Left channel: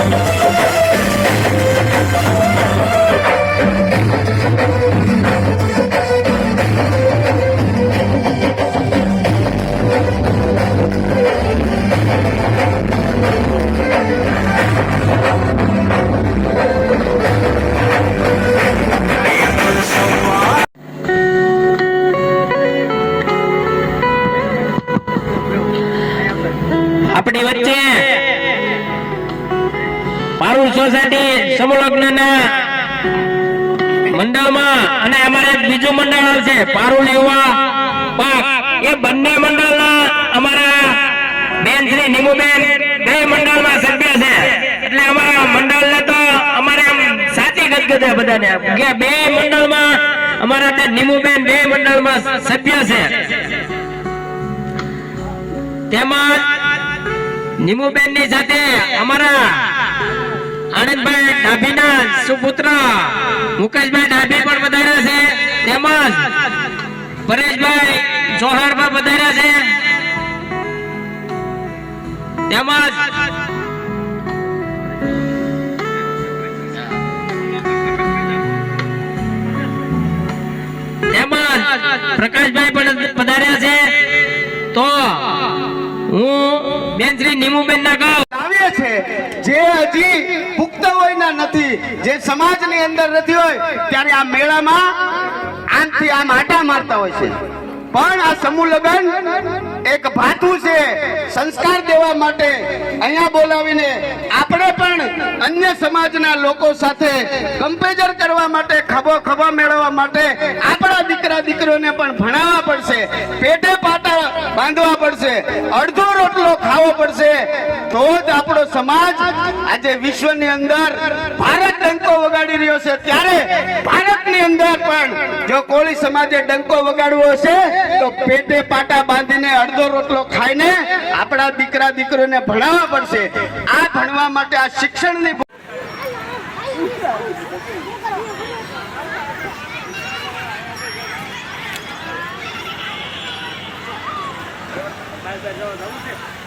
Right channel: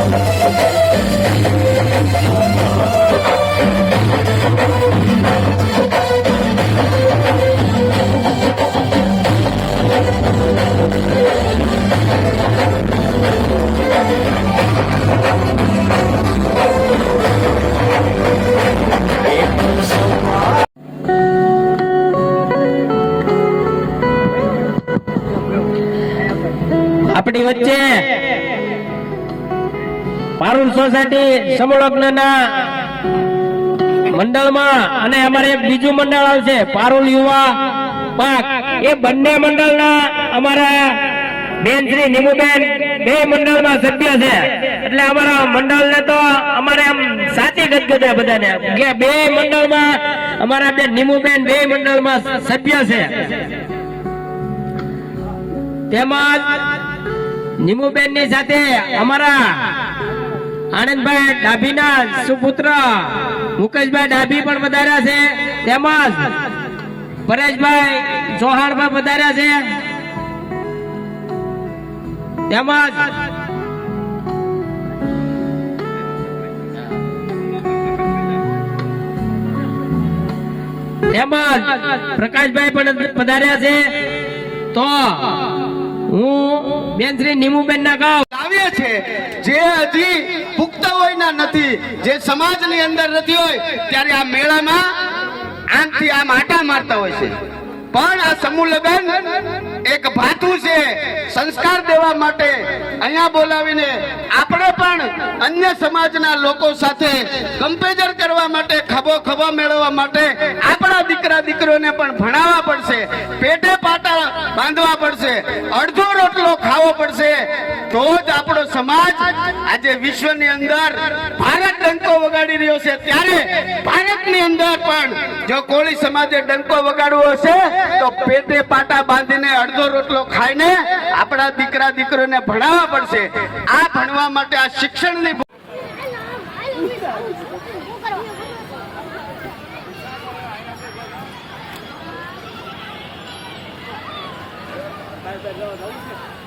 આપણી પારુલ સોસાયટી સમલગ્નના મંડળમાં અને અમારે બીજું મંડળ આવશે, પારુલ યુવા પાક. એ બંને મંડળના અમારા બેન શ્રી નીમુબેન બે મંડળમાં સભ્ય છે. એટલે અમારા મંડળને તો અમારે આમ સાચી ગદગદ બધાને. કે બે મંડળમાં અમારા બે નીમુબેન બે મંડળમાં સભ્ય છે. તેમજ નીમુબેનની સાથે અમારા આનંદભાઈ ડાભીના સુપુત્ર. મુકેશભાઈ ડાભી પણ વધાર્યા છે. તેમજ પરેશભાઈ ચૌહાણ પણ વધાર્યા છે. તેમજ તેમજ પ્રકાશભાઈ પણ પધાર્યા છે. તો હું બેન શ્રી નીમુબેન ના ગાઉં. છે. જે હજી પુખ્ત વયના નથી. જે સમાજની અંદર નથી હોય, ત્યારે આ મેળામાં આમથી આમ આટા મારતા હોય છે. પણ આ સમૂહ લગ્ન એક ભાથું છે. સંસ્કાર દેવા માટે અહીંયા બોલાવીને આપણે પણ અન્ય સમાજના લોકો સાથે કમ્પેજર કરવા માટે, ખભો ખભા મેળવવા માટે આપણા દીકરા દીકરીઓને પણ ભણાવવા પડશે પેટો પાટા બાંધવા પડશે, અડધો રોટલો ખાવો પડશે. તો જ આપણો સમાજ આજે વિશ્વની અંદર ભારત ડંકો વગાડી રહ્યો છે. ત્યારે ભારતની અંદર પણ જો કોળી સમાજે ડંકો વગાડવો હશે, તો પેટે પાટા બાંધીને અડધો રોટલો ખાઈને આપણા દીકરા દીકરીઓને ભણાવવા પડશે. આ ભણવા માટે આ શિક્ષણની જવું છે